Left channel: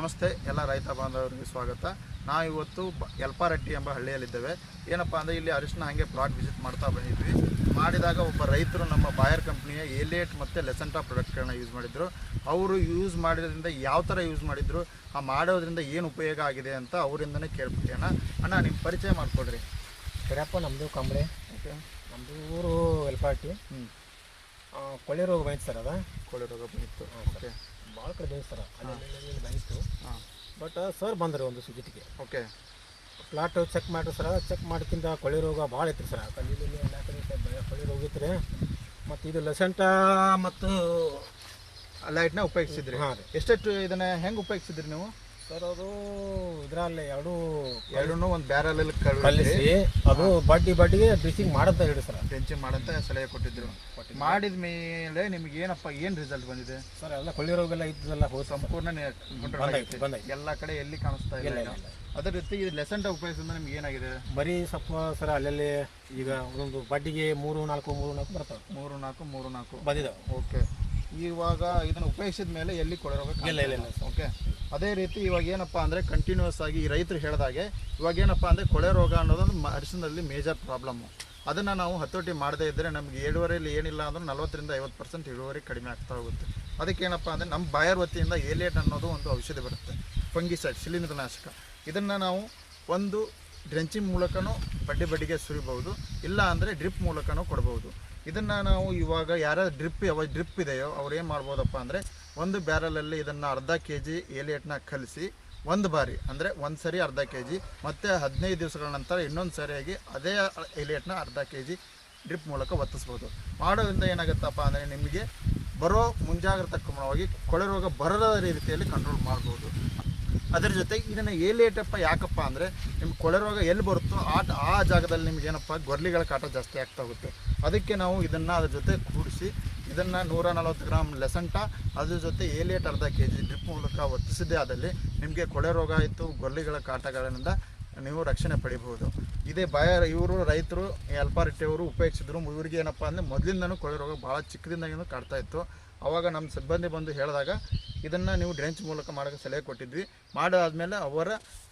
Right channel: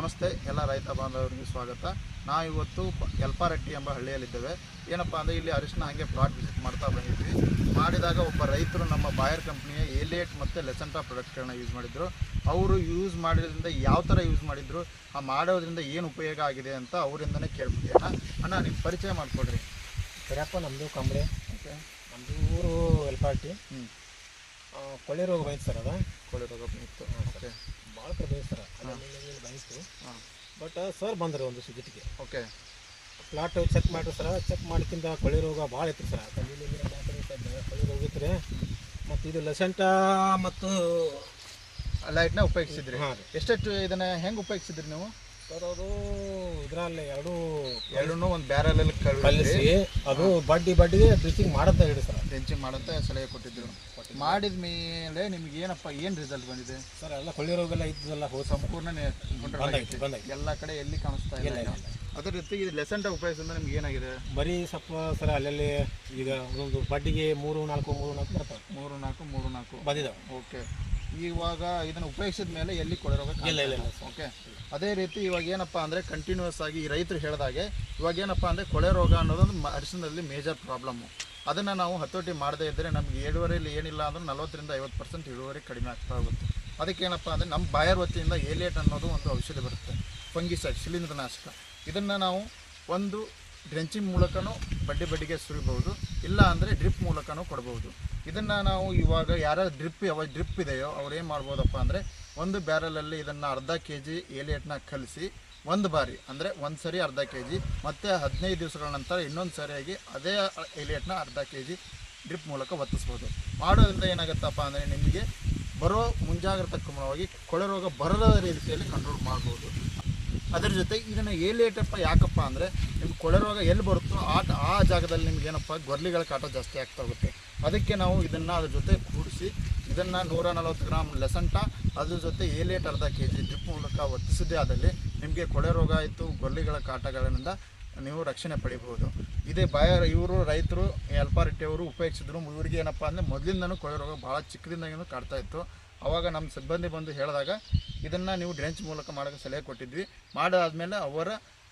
ನಮಸ್ತೆ ಎಲ್ಲ ರೈತ ಬಾಂಧವರಿಗೆ ಸ್ವಾಗತ. ನಾವು ಇವತ್ತು ಯಲ್ಪಾರಟ್ಟಿ ಎಂಬ ಹಳ್ಳಿಯಲ್ಲಿದ್ದೇವೆ. ಏನಪ್ಪ ಅಂದರೆ ಇಲ್ಲಿ ಅರಿಶಿನ ಹಾಗೆ ಪ್ಲಾಟ್ ವಿಸಿಟ್ ಮಾಡ್ತಾ ಬಂದಿದ್ವಿ. ಮಾಡಿದಾಗ ಒಬ್ಬ ರೈತರು ನಮ್ಮ ಬಾಯರ್ ಕಂಪ್ನಿಯ ಏಲಿಯಟ್ ಮತ್ತು ಲೆಸೆಂಟಾ ಪ್ರಾಡಕ್ಟ್ಗಳನ್ನ ಯೂಸ್ ಮಾಡಿದ್ರು. ಅವರು ಯೂಸ್ ಮಾಡಿದ್ರಿಂದ ಯಾವ ಥರ ಯೂಸ್ ಮಾಡಿದ್ರು, ಆ ಮಾಡೋದ್ರಿಂದ ಏನು ಉಪಯೋಗ ಆಗಿದೆ ಅಂತ ಅವರಿಂದನೇ ಕೇಳ್ಬಿಟ್ಟೆ. ಅಣ್ಣ ನಿಮ್ಮ ಪರಿಚಯ ಮಾಡಿಕೊಡ್ರಿ. ಸರಿಯಪ್ಪ, ನಮ್ಮದು ಕಂಬಳೆ. ಓಕೆ, ನಮ್ಮದು ಊರು ಯಲ್ಪಾರಟ್ಟಿ. ಕೊಳ್ಳೆ ರೋಗ ಬಂದಿತ್ತು ಸರ್. ಕೊಳೆ ರೋಗ ಬಂದಿತ್ತು. ಓಕೆ, ಭಾಳ ಕಡೆ ಬಂದಿತ್ತು ಸರ್. ಅಲ್ಲಿ ಬಂದಿತ್ತು. ಬಟ್ ಸರ್ ಬಂದರು ಒಂದು ಸುಜಿಟಿಗೆ. ಓಕೆ, ಪ್ಲಾಟ್ ಚೆಕ್ ಮಾಡಿರಿ ಸರ್. ಚೆಕ್ ಮಾಡಿಕಿಂತ ಕೊಳ್ಳೆ ರೋಗ ಭಾಳ ಇತ್ತು ಸರ್. ಕಂಡಿಲ್ಲಿ ಎಲ್ಲ ಕಡೆ ಕೊಳ್ಳೆ ರೋಗ ಇತ್ತು ರೀ. ಮತ್ತು ಇದು ಲೆಸೆಂಟಾ ಮತ್ತು ಲೈಟ್ನ ಉಪಯೋಗಿಸಿದ್ರಿ. ಹಾಂ ರೀ. ಎಷ್ಟೆಷ್ಟು ಇದನ್ನು ಹೆಂಗೆ ಉಪಯೋಗಿಸಿದ್ರಿ ನೀವು ಸರ್? ಅದು ಇದರಲ್ಲಿ ಎರಡೂ ಒಂದು ಬ್ಯಾರಲಲ್ಲಿ ಕಲಿಸಿ ಅದು ಬಡ್ಡಿಗೆ ಡ್ರಿಚಿಂಗ್ ಮಾಡಂತ ಹೇಳಿ ಸರ್. ಡ್ರೆಂಚಿಂಗ್ ಮಾಡಂತ ಸಲಹೆ ಕೊಟ್ಟಿದ್ರು. ಮಾಡಿದ ಮೇಲೆ ನಿಮ್ಗೆ ಏನಪ್ಪ ಏನು ರಿಸಲ್ಟ್ ಬಂದಿದೆ ಸರ್? ಎಲ್ಲ ಕೊಳ್ಳೆ ರೋಗ ಎಲ್ಲ ಇದ್ದಲ್ಲ ಹೋದ ಸಂಪೂರ್ಣ ಬಂದಾಯ್ತು. ಎಲ್ಲ ಕಡೆ ಎಲ್ಲಿ ಕಾಣಿಸ್ತಾ ಇಲ್ಲ. ಅದೇ ರೀತಿ ಇದು ಲೆಸೆಂಟಾ ಉಪಯೋಗಿಸಿದ್ರೆ ನಿಮ್ಗೆ ಏನಾಗಿದೆ? ಬರೀ ಸ್ವಲ್ಪ ಸರ್ ಅಲ್ಲಲ್ಲಿ ಈಗ ಒಂದೊಂದು ಬಡ್ಡಿಗೆ 3-4 ಬರ್ತವೆ. 3-4 ಬಂದಿದ್ದಾವೆ. ಓಕೆ, ಇವಾಗ ಇದನ್ನು ಉಪಯೋಗಿಸಿದ ಮೇಲೆ ಎಲ್ಲಿ ಕೊಳೆ ರೋಗ ಇಲ್ಲ. ಓಕೆ, ಅದೇ ರೀತಿ ಇವಾಗ ಏನಪ್ಪ ಅಂದರೆ ಕಂಟಿನ್ಯೂಸ್ ಆಗಿ ಈ ರೈತರು ಹೇಳಿದಾಗೆ ಇವಾಗ ಏನಪ್ಪ ಅಂದರೆ ಕೊಳೆ ರೋಗ ಅನ್ನೋದೊಂದು ಅರಿಶಿನದಲ್ಲಿ ಮೇಜರ್ ಪ್ರಾಬ್ಲಮ್ಮು. ಅದನ್ನು ನಾವು ಹತೋಟಿ ಮಾಡದೇ ಇದ್ದರೆ ನಮಗೆ ಇಳುವರಿಯಲ್ಲಿ ಏನಿಲ್ಲ ಅಂದ್ರೆ 40-50% ಇಳುವರಿ ಕಡಿಮೆ ಆಗ್ತಾ ಹೋಗುತ್ತೆ. ಅದಕ್ಕೇನಪ್ಪ ಅಂದರೆ ನಮ್ಮ ಬಾಯರ್ ವತಿಯಿಂದ ಏಲಿಯಟ್ ಅನ್ನೋದು ಒಂದು ಔಷಧಿ ಬರುತ್ತೆ, ಫಂಗಿಸೈಡ್, ಶಿಲೀಂಧ್ರನಾಶಕ. ಇದನ್ನು ನಾವು ಒಂದು ಡ್ರೆಂಚಿಂಗ್ ಮೂಲಕನೂ ಬಡ್ಡಿಗೆ ಸುರಿಬಹುದು, ಇಲ್ಲ ಅಂದರೆ ಡ್ರಿಪ್ ಮೂಲಕನೂ ಕೊಡ್ಬೋದು. ಇದನ್ನು ನಾವು ಇವಾಗ ಯಾರು ಡ್ರಿಪ್ ಇದೆಯೋ ಅವ್ರು ಏನು ಮಾಡ್ಬೋದಪ್ಪ ಅಂದರೆ ಒಂದು ಬ್ಯಾರಲಲ್ಲಿ ಇದನ್ನು ಅರ್ಧ kg ಏಲಿಯಟ್ನ ಕಲಿಸಿ ಒಂದು ಬಾರಿ ಅಂದರೆ ಒಂದು ಸರಿ ಅರ್ಧ kg, ಮತ್ತು 15 ದಿವಸಗಳ ನಂತರ ಇನ್ನೊಂದು ಸರಿಯಾಗಿ ಅದೇ ಏಲಿಯಟ್ನ ಅರ್ಧ kg ಡ್ರಿಪ್ ಮೂಲಕ ಒತ್ತಿಸ್ಬೋದು. ಮಾಡೋದ್ರಿಂದ ಏನಾಗುತ್ತಪ್ಪ ಅಂದರೆ ನಿಮಗೆ ಬರೋ ಮುಂಜಾಗ್ರತಾ ಕ್ರಮವಾಗಿ ಕೊಳೆ ರೋಗ ಬರದ ರೀತಿಯಲ್ಲಿ ಕಂಟ್ರೋಲ್ ಮಾಡ್ಬೋದು. ಅದರ ಜೊತೆ ಇದನ್ನು ಏಲಿಯಟಪ್ಪ ಯಾಕಪ್ಪ ಅಂದರೆ ನಿಮ್ಗೆ ಕೊಳೆ ರೋಗ ಎಲ್ಲಿ ಬರುತ್ತೋ ಆ ಜಾಗದಲ್ಲಿ ನಿಮ್ಗೇನಪ್ಪ ಗೊರ್ಲಿಗಳ ಕಾಟ ಜಾಸ್ತಿ ಆಗ್ತಾ ಹೋಗುತ್ತೆ. ಅದಕ್ಕೆ ನಾವು ಇದನ್ನು ಅದ್ರ ಜೊತೆ ಕೂಡಿಸಿ ಇದನ್ನು 140 ಗ್ರಾಮ್ ಲೆಸೆಂಟಾ ಅದ್ರ ಜೊತೆ ಏಲಿಯಟ್ ಅರ್ಧ kg ಡ್ರಿಪ್ ಮೂಲಕ ಒತ್ತಿಸಿದ್ದೇ ಆದಲ್ಲಿ ನಿಮಗೆ ಕೊಳೆ ರೋಗ ಆಯಿತು, ಗೊರ್ಲಿಗಳ ಕಾಟಗಳಿಂದ ನೀವು ರಕ್ಷಣೆ ಪಡಿಬಹುದು. ಇದೇ ಇವರು ರೈತರು ಯಲ್ಪಾರಟ್ಟಿಯವರು ಉಪಯೋಗಿಸಿದ್ರು. ಇವರಿಗೆ ಏನಪ್ಪ ಅಂದರೆ ಮೊದಲಿಂದನೂ ಕೊಳೆ ರೋಗ ಭಾಳ ಚಿಕ್ಕದಿಂದಾಗಿನೂ ಕಾಡ್ತಾ ಇತ್ತು. ಆವಾಗ ನಮ್ಮ ಸಿಬ್ಬಂದಿ ಬಂದು ಹೇಳಿದಾಗ ಇದನ್ನು ನೀವು ಡ್ರೆಂಚ್ ಮೂಲಕ ಮಾಡೋಕ್ಕೆ ಸಲಹೆ ಕೊಟ್ಟಿದ್ವಿ. ಮಾಡಾದ್ಮೇಲೆ ಅವರ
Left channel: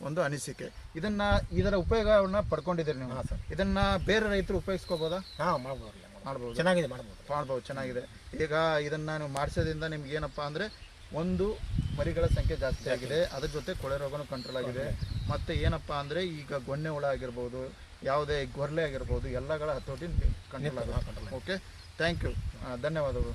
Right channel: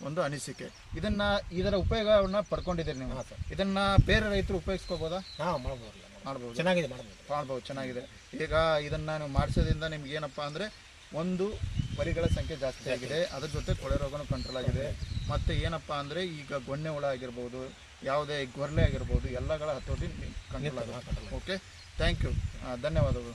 ಒಂದು ಅನಿಸಿಕೆ, ಇದರ ಉಪಯೋಗವನ್ನು ಪಡ್ಕೊಂಡಿದ್ದೀರಿ ನೀವು. ಇದನ್ನು ಬೇರೆ ರೈತರು ಉಪಯೋಗಿಸ್ಕೋಬೋದಾ? ಮಾಡ್ಬೋದು. ಚೆನ್ನಾಗಿದೆ. ಈಗ ಇದನ್ನು ನೀವು ಮಾಡಿಸೋದ್ರಿಂದ ನಿಮ್ಗೆ ಏನಪ್ಪ ಅಂದರೆ ಒಂದು ಮರಿಗಳ ಸಂಖ್ಯೆ ಜಾಸ್ತಿ ಆಗಿದೆ, ಅದ್ರ ಜೊತೆ ಕೊಳೆ ರೋಗನೂ ಕಂಟ್ರೋಲ್ ಆಗಿದೆ. ಮತ್ತು ಏನಪ್ಪ ಅಂದರೆ ಈಗ ಗೊಣ್ಣೆ ಹುಳ ಆಗಿರ್ಬೋದು, ಯಾವುದೇ ಗೊರ್ಲೆ ಆಗಿರ್ಬೋದು, ಎಲ್ಲಗಳ ಹತೋಟಿ ಕಂಟ್ರೋಲ್ ಆಗುತ್ತೆ. ಓಕೆ, ಥ್ಯಾಂಕ್ ಯು, ಧನ್ಯವಾದಗಳು.